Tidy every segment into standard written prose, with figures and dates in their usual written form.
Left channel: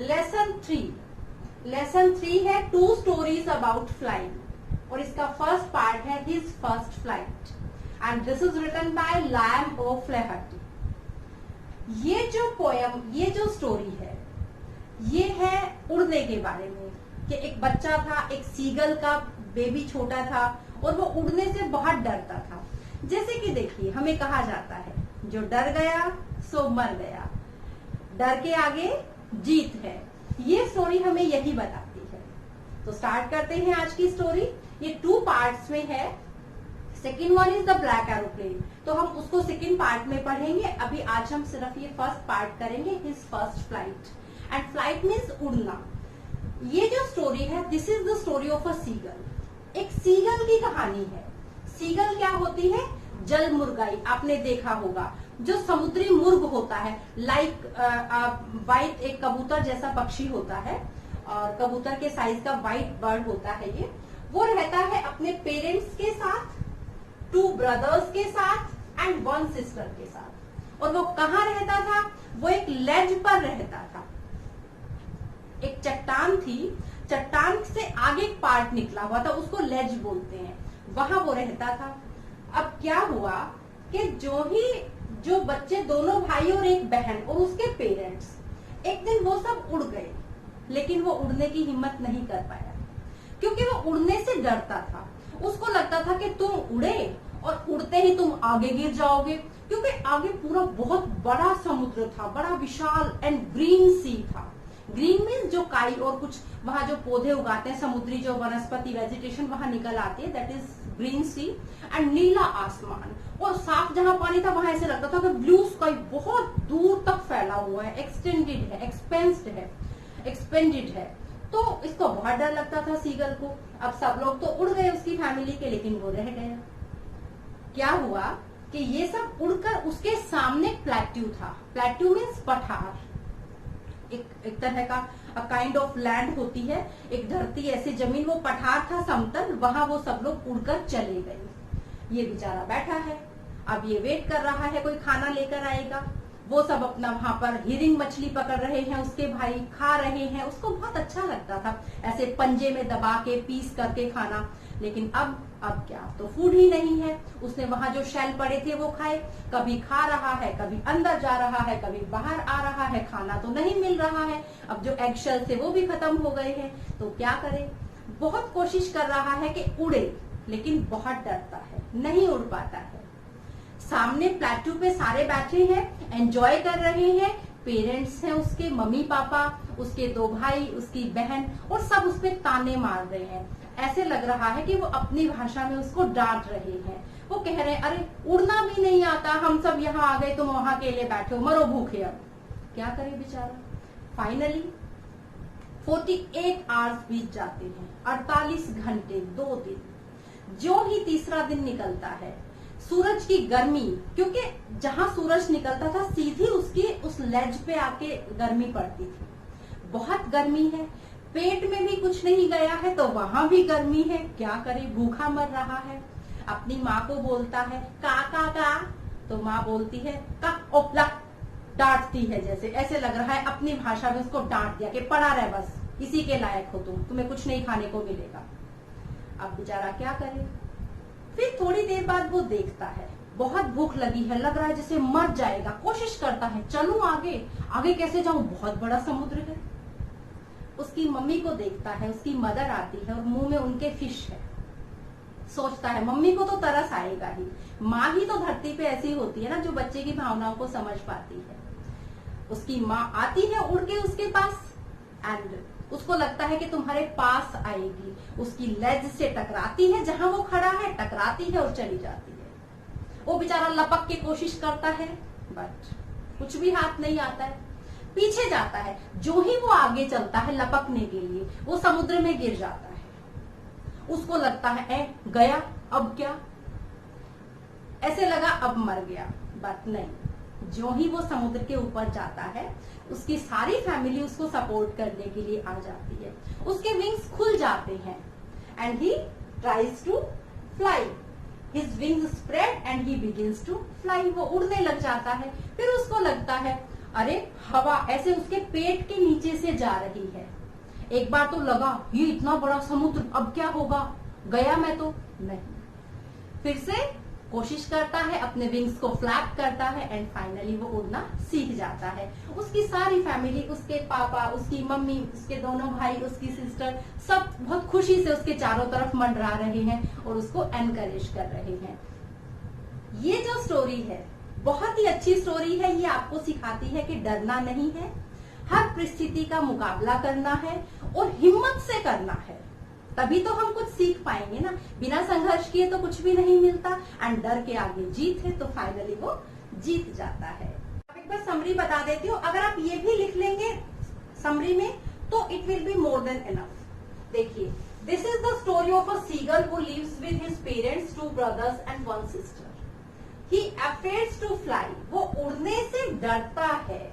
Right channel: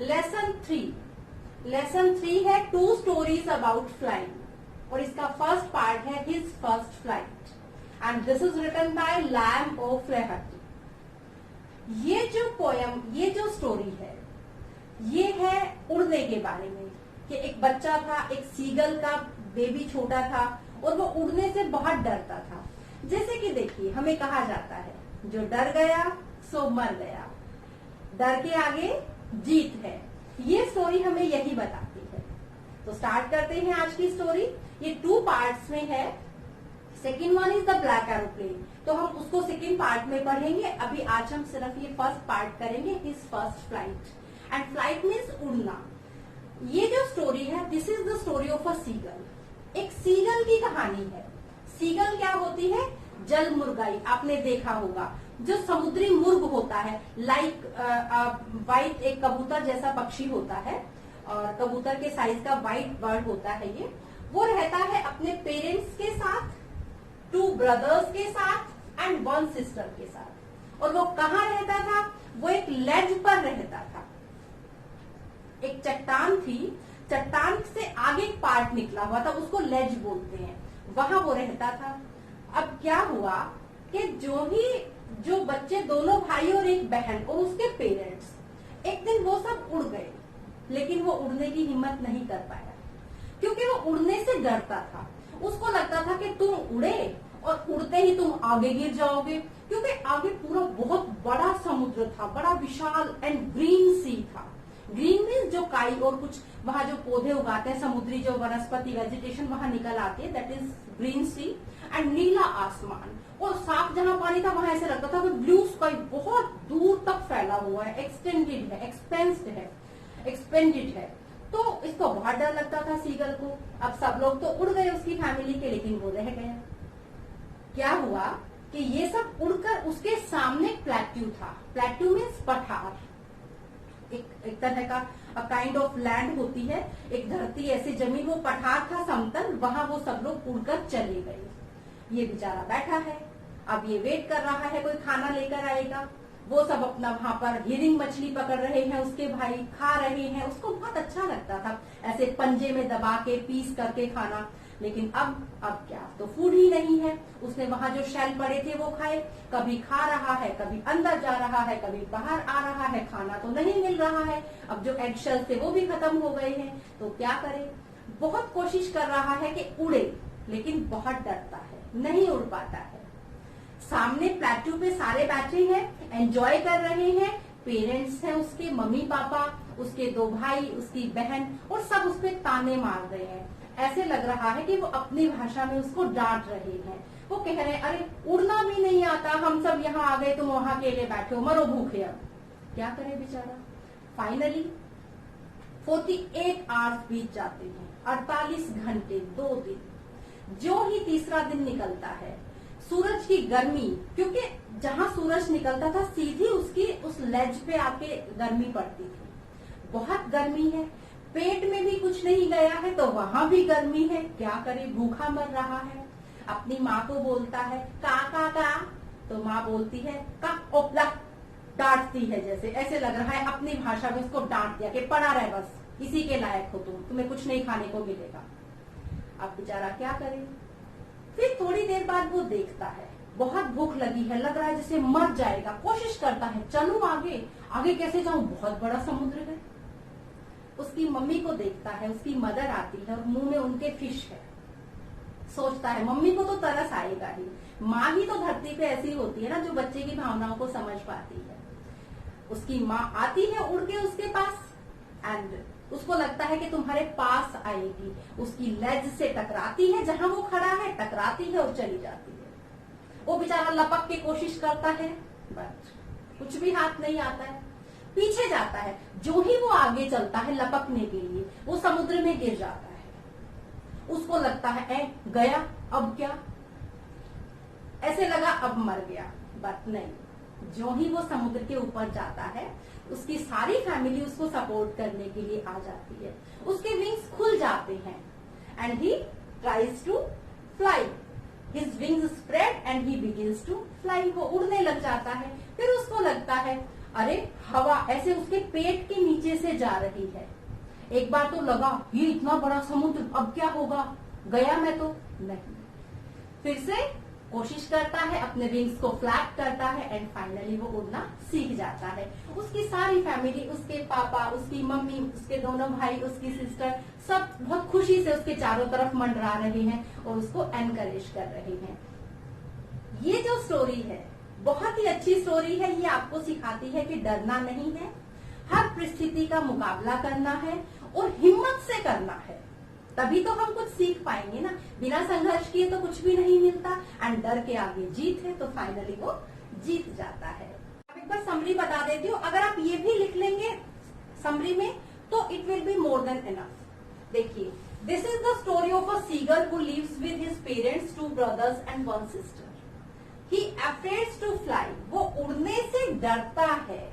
Lesson three है 2 stories about flying और इसका फर्स्ट पार्ट है his first flight and this is written by Liam O'Flaherty. ये जो पोयम, ये जो स्टोरी है, ये है उड़ने के बारे में कि एक बच्चा था, एक सीगल का बेबी छोटा था और वो उड़ने से बहुत डरता था। जैसे कि देखिए, हमें कहा जाता है जो डर गया सो मर गया, डर के आगे जीत है। ये स्टोरी हमें यही बताती है। तो स्टार्ट करते हैं आज की स्टोरी। ये 2 पार्ट्स में है। Second one is the black aeroplane, तो हम उसको सेकेंड पार्ट में पढ़ेंगे। अभी आज हम सिर्फ ये फर्स्ट पार्ट करेंगे, his first flight. And flight means उड़ना। ये जो स्टोरी है, this is the story of a seagull. एक सीगल की कहानी है। सीगल क्या होती है? जल मुर्गाई, आपने देखा होगा, जो समुद्री मुर्ग होता है, लाइक वाइट, एक कबूतर जैसा पक्षी होता है और कबूतर के साइज का वाइट बर्ड होता है ये। वो रहता है अपने पेरेंट्स के साथ, 2 ब्रदर्स के साथ एंड 1 सिस्टर के साथ। और वो कहाँ रहता था? वो एक लेज पर रहता था। एक चट्टान थी, चट्टान से आगे एक पार्ट निकला हुआ था, उसको लेज बोलते हैं, वहां वो रहता था। अब क्या हुआ कि जो बच्चे, दोनों भाई और एक बहन और उसके पेरेंट्स, एक दिन वो सब उड़ गए, लेकिन वो उड़ने की हिम्मत नहीं कर पाया क्योंकि वो उड़ने से डरता था। उसको लगता था कि तुम उड़े और उड़ते ही तुम आगे गिर जाओगे, क्योंकि आगे पूरा बहुत बड़ा समुद्र था, बड़ा विशाल एंड ग्रीन सी था। ग्रीन मीन्स जो काई और कुछ वहां जो पौधे उगाते हैं, समुद्री जो वनस्पति वेजिटेशन वहां निकल आती है, that is green sea. And नीला आसमान और साफ जहां पानी था वहां ऐसे लगता था कि ब्लू स्काई बहुत दूर तक फैला हुआ है, एक्सटेंडेड है, एक्सपेंडेड है। तो इसको बहुत डर लगता था सीगल को। अब सब लोग तो उड़ गए उसकी फैमिली के, लेकिन वो रह गए। क्या हुआ कि ये सब उड़कर उसके सामने प्लेट्यू था। प्लेट्यू मीन्स पठार, एक तरह का काइंड ऑफ लैंड होती है, एक धरती, ऐसी जमीन, वो पठार था समतल, वहां वो सब लोग उड़कर चले गए। ये बेचारा बैठा है, अब ये वेट कर रहा है कोई खाना लेकर आएगा। वो सब अपना वहां पर हिरिंग मछली पकड़ रहे हैं, उसके भाई खा रहे हैं, उसको बहुत अच्छा लगता था ऐसे पंजे में दबा के पीस करके खाना। लेकिन अब क्या, तो फूड ही नहीं है। उसने वहां जो शेल पड़े थे वो खाए, कभी खा रहा है, कभी अंदर जा रहा है, कभी बाहर आ रहा है, खाना तो नहीं मिल रहा है। अब जो एग शेल थे वो भी खत्म हो गए हैं, तो क्या करे? बहुत कोशिश कर रहा है कि उड़े, लेकिन बहुत डरता है, नहीं उड़ पाता है। सामने प्लेट्यू पे सारे बैठे हैं, एंजॉय कर रहे हैं, पेरेंट्स हैं उसके, मम्मी पापा, उसके 2 भाई, उसकी बहन, और सब उसपे ताने मार रहे हैं। ऐसे लग रहा है कि वो अपनी भाषा में उसको डांट रहे हैं। वो कह रहे हैं, अरे उड़ना भी नहीं आता, हम सब यहाँ आ गए, तुम वहां अकेले बैठे हो, मरो भूखे। अब क्या करे बेचारा? फाइनली 48 आवर्स बीत जाते हैं, 48 घंटे, 2 दिन। जो ही तीसरा दिन निकलता है, सूरज की गर्मी, क्योंकि जहां सूरज निकलता था सीधी उसकी उस लेज पे आके गर्मी पड़ती थी। बहुत गर्मी है, पेट में भी कुछ नहीं गया है तो वहां भी गर्मी है। क्या करे? भूखा मर रहा है। अपनी माँ को बोलता है का का का, तो माँ बोलती है का ओपला, डांटती है। जैसे ऐसे लग रहा है अपनी भाषा में उसको डांट दिया कि पड़ा रहे, बस इसी के लायक हो तुम, तुम्हें कुछ नहीं खाने को मिलेगा। अब बेचारा क्या करे? फिर थोड़ी देर बाद वो देखता है बहुत भूख लगी है, लग रहा है जैसे मर जाएगा। कोशिश करता है चलो आगे, आगे कैसे जाऊं, बहुत बड़ा समुद्र है। उसकी मम्मी को देखता है, उसकी मदर आती है और मुंह में उनके फिश है। सोचता है मम्मी को तो तरस आएगा ही, माँ ही तो धरती पे ऐसी होती है ना जो बच्चे की भावनाओं को समझ पाती है। उसकी माँ आती है उड़ के उसके पास एंड उसको लगता है कि तुम्हारे पास आएगी। उसकी लेज से टकराती है, जहां वो खड़ा है टकराती है और चली जाती है। वो बेचारा लपक के कोशिश करता है, बट कुछ भी हाथ नहीं आता है। पीछे जाता है, जो ही वो आगे चलता है लपकने के लिए, वो समुद्र में गिर जाता है। उसको लगता है गया, अब क्या? ऐसे लगा अब मर गया, बट नहीं। जो ही वो समुद्र के ऊपर जाता है, उसकी सारी फैमिली उसको सपोर्ट करने के लिए आ जाती है। उसके विंग्स खुल जाते हैं and he tries to fly. His wings spread and he begins to fly. वो उड़ने लग जाता है। फिर उसको लगता है अरे हवा ऐसे उसके पेट के नीचे से जा रही है। एक बार तो लगा ये इतना बड़ा समुद्र, अब क्या होगा, गया मैं तो नहीं। फिर से कोशिश करता है, अपने विंग्स को फ्लैप करता है एंड फाइनली वो उड़ना सीख जाता है। उसकी सारी फैमिली, उसके पापा, उसकी मम्मी, उसके दोनों भाई, उसकी सिस्टर, सब बहुत खुशी से उसके चारों तरफ मंडरा रहे हैं और उसको एनकरेज कर रहे हैं। ये जो स्टोरी है बहुत ही अच्छी स्टोरी है। ये आपको सिखाती है कि डरना नहीं है, हर परिस्थिति का मुकाबला करना है और हिम्मत से करना है, तभी तो हम कुछ सीख पाएंगे ना। बिना संघर्ष किए तो कुछ भी नहीं मिलता एंड डर के आगे जीत है, तो फाइनली वो जीत जाता है। अब एक बार समरी बता देती हूँ, अगर आप ये भी लिख लेंगे समरी में तो it will be more than enough. देखिए, this is the story of a seagull who lives with his parents, 2 brothers and 1 sister. He afraid to fly. वो उड़ने से डरता है।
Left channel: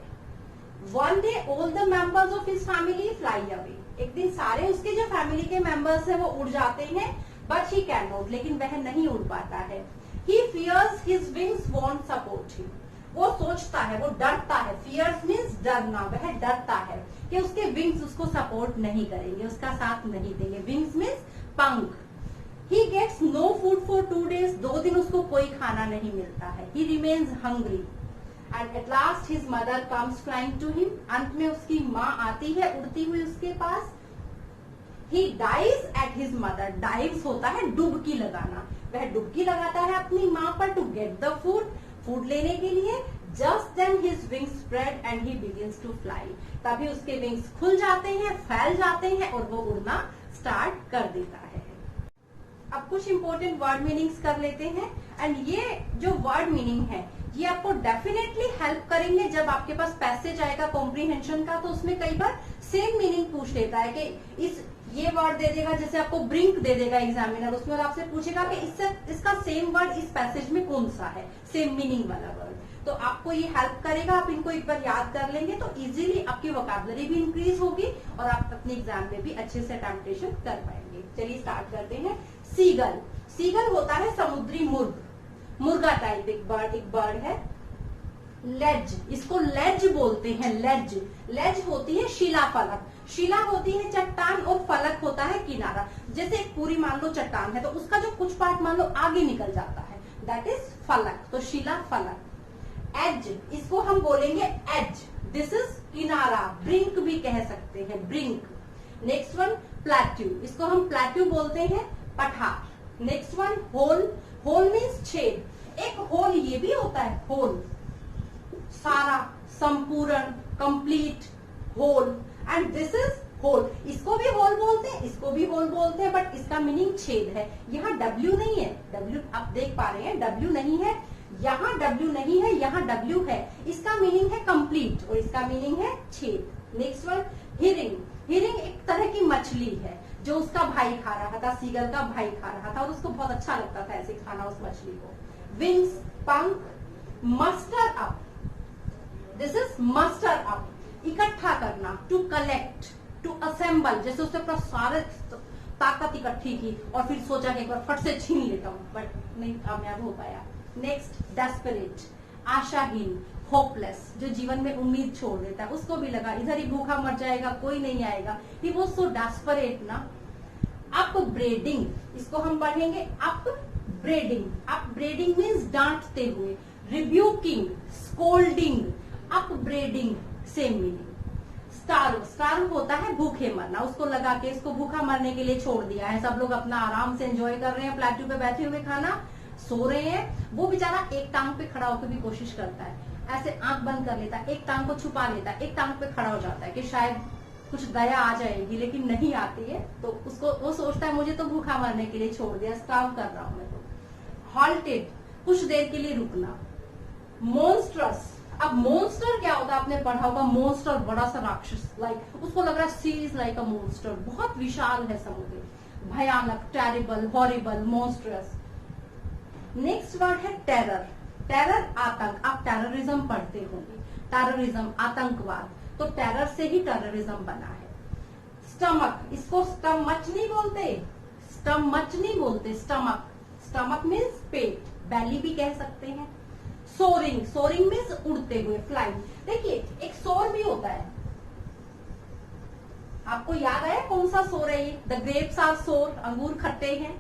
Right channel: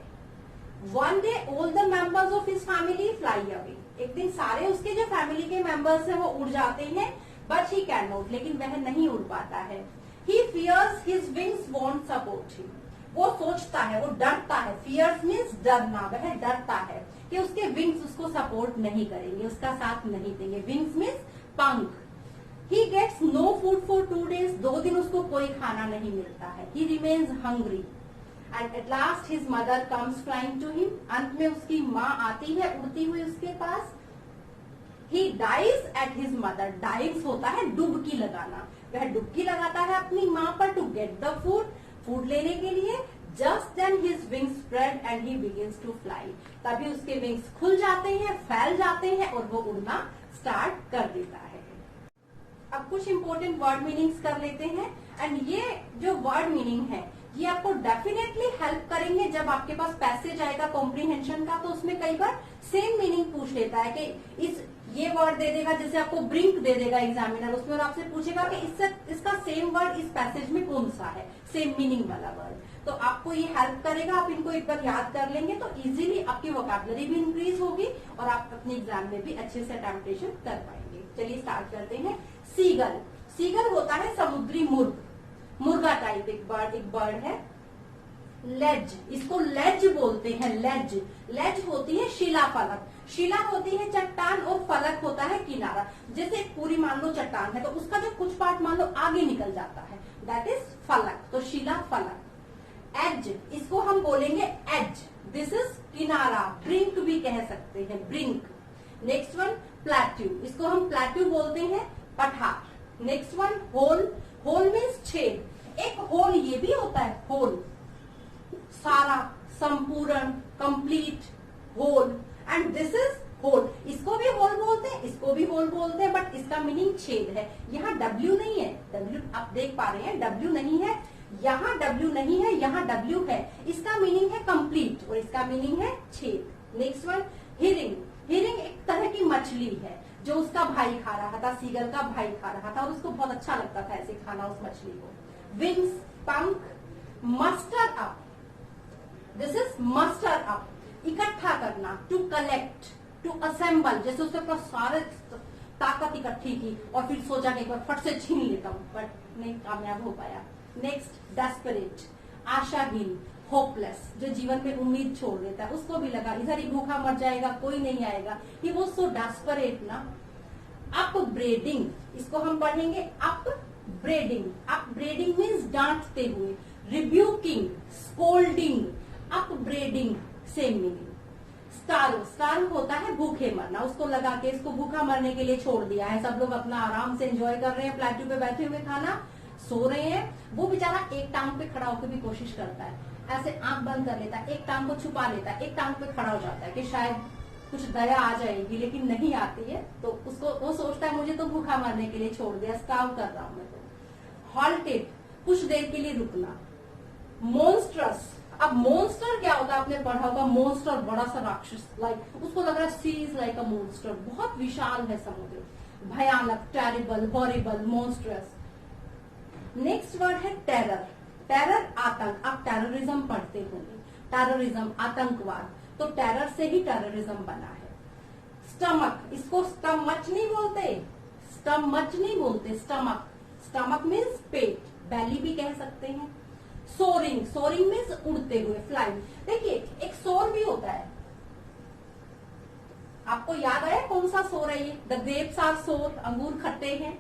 One day all the members of his family fly away. एक दिन सारे उसके जो फैमिली के मेंबर्स हैं वो उड़ जाते हैं, but he cannot, लेकिन वह नहीं उड़ पाता है। He fears his wings won't support him. वो सोचता है, वो डरता है। Fears means डरना, वह डरता है कि उसके विंग्स उसको सपोर्ट नहीं करेंगे, उसका साथ नहीं देंगे। विंग्स मीन्स पंख। He gets no food for 2 days. 2 दिन उसको कोई खाना नहीं मिलता है। He remains hungry. And at last his mother comes flying to him. अंत में उसकी माँ आती है उड़ती हुई उसके पास। He dives at his mother. Dives होता है डुबकी लगाना। वह डुबकी लगाता है अपनी माँ पर to get the food. Food लेने के लिए। Just then his wings spread and he begins to fly. तभी उसके विंग्स खुल जाते हैं, फैल जाते हैं और वो उड़ना स्टार्ट कर देता है। अब कुछ इंपॉर्टेंट वर्ड मीनिंग्स कर लेते हैं एंड ये जो वर्ड मीनिंग है ये आपको डेफिनेटली हेल्प करेंगे जब आपके पास पैसेज आएगा कॉम्प्रीहेंशन का, तो उसमें कई बार सेम मीनिंग पूछ लेता है कि ये वर्ड दे देगा, जैसे आपको ब्रिंक दे देगा एग्जामिनर, उसमें और आपसे पूछेगा कि इसका सेम वर्ड इस पैसेज में कौन सा है, सेम मीनिंग वाला वर्ड। तो आपको ये हेल्प करेगा, आप इनको एक बार याद कर लेंगे तो इजीली आपकी वोकैबुलरी भी इंक्रीज होगी और आप अपने एग्जाम में भी अच्छे से अटेम्प्टेशन कर पाएंगे। चलिए स्टार्ट करते हैं। सीगल, सीगल होता है समुद्री मुर्ग, मुर्गा टाइप एक बर्ड है। लेज, इसको लेज बोलते हैं, लेज। लेज होती है शिला फलक, शिला होती है चट्टान और फलक होता है किनारा। जैसे पूरी मान लो चट्टान है तो उसका जो कुछ पार्ट मान लो आगे निकल जाता है, दैट इज फलक, तो शिला फलक। एज, इसको हम बोलेंगे एज, दिस इज किनारा, ब्रिंक भी कह सकते हैं, ब्रिंक। नेक्स्ट वन प्लेट्यू, इसको हम प्लेट्यू बोलते हैं, पठार। Next one hole, hole means छेद। एक होल ये भी होता है, होल, सारा, संपूर्ण, complete, whole, and this is whole. इसको भी होल बोलते हैं, इसको भी होल बोलते हैं, बट इसका मीनिंग छेद है। यहाँ डब्ल्यू नहीं है, डब्ल्यू आप देख पा रहे हैं, डब्ल्यू नहीं है, यहाँ डब्ल्यू नहीं है, यहाँ डब्ल्यू है। इसका मीनिंग है कंप्लीट और इसका मीनिंग है छेद। नेक्स्ट वन हिरिंग, हिरिंग एक तरह की मछली है जो उसका भाई खा रहा था, सीगल का भाई खा रहा था और उसको बहुत अच्छा लगता था ऐसे खाना उस मछली को। विंग्स, पंख। Muster up, this is muster up, इकट्ठा करना, टू कलेक्ट, टू असेंबल। जैसे उसने अपना सारे ताकत इकट्ठी की और फिर सोचा कि एक बार फट से छीन लेता हूं, बट नहीं कामयाब हो पाया। नेक्स्ट डेस्परेट, आशाहीन, होपलेस, जो जीवन में उम्मीद छोड़ देता है, उसको भी लगा इधर ही भूखा मर जाएगा, कोई नहीं आएगा। ही वाज सो डेस्परेट ना। अपब्रेडिंग, इसको हम पढ़ेंगे अपब्रेडिंग। अपब्रेडिंग मीन्स डांटते हुए। Rebuking, scolding, upbraiding same meaning. Starve, starve होता है भूखे मरना, उसको लगा के इसको भूखा मरने के लिए छोड़ दिया है। सब लोग अपना आराम से एंजॉय कर रहे हैं, प्लेट्यू पे बैठे हुए खाना सो रहे हैं, वो बेचारा एक टांग पे खड़ा होकर भी कोशिश करता है, ऐसे आंख बंद कर लेता है, एक टांग को छुपा लेता है, एक टांग पे खड़ा हो जाता है कि शायद कुछ दया आ जाएगी, लेकिन नहीं आती है। तो उसको वो सोचता है मुझे तो भूखा मरने के लिए छोड़ दिया, स्टार्व कर रहा हूं मैं तो। हॉल्टेड, कुछ देर के लिए रुकना। मॉन्स्ट्रस, अब मॉन्स्टर क्या होता है आपने पढ़ा होगा, मॉन्स्टर बड़ा सा राक्षस, लाइक उसको लग रहा है सी इज लाइक अ मॉन्स्टर, बहुत विशाल है समुद्र, भयानक, terrible, horrible, monstrous. Next word है टेरर, टेरर आतंक, आप टेररिज्म पढ़ते होंगे, टेररिज्म आतंकवाद, तो टेरर से ही टेररिज्म बना है। स्टमक, इसको स्टमच नहीं बोलते, स्टमच नहीं बोलते, स्टमक, स्टमक मीन्स पेट, बैली भी कह सकते हैं। सोरिंग, सोरिंग मीन्स उड़ते हुए, फ्लाइंग। देखिए एक सोर भी होता है, आपको याद आया कौन सा सोर है ये? द ग्रेप्स आर सोर, अंगूर खट्टे हैं।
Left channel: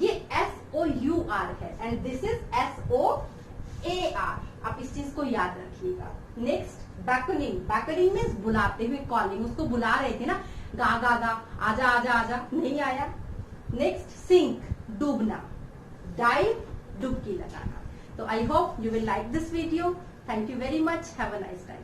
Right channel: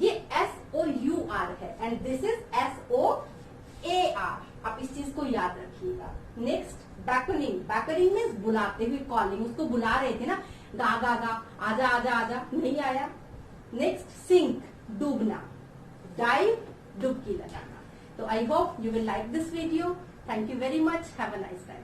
ये SOUR है एंड दिस इज SOAR। आप इस चीज को याद रखिएगा। नेक्स्ट बैकनिंग, बैकनिंग मीन्स बुलाते हुए, कॉलिंग, उसको बुला रहे थे ना, गा गा गा, आजा आजा आजा, नहीं आया। नेक्स्ट सिंक, डूबना, डाइव, डुबकी लगाना। तो I hope you will like this video. Thank you very much, have a nice time.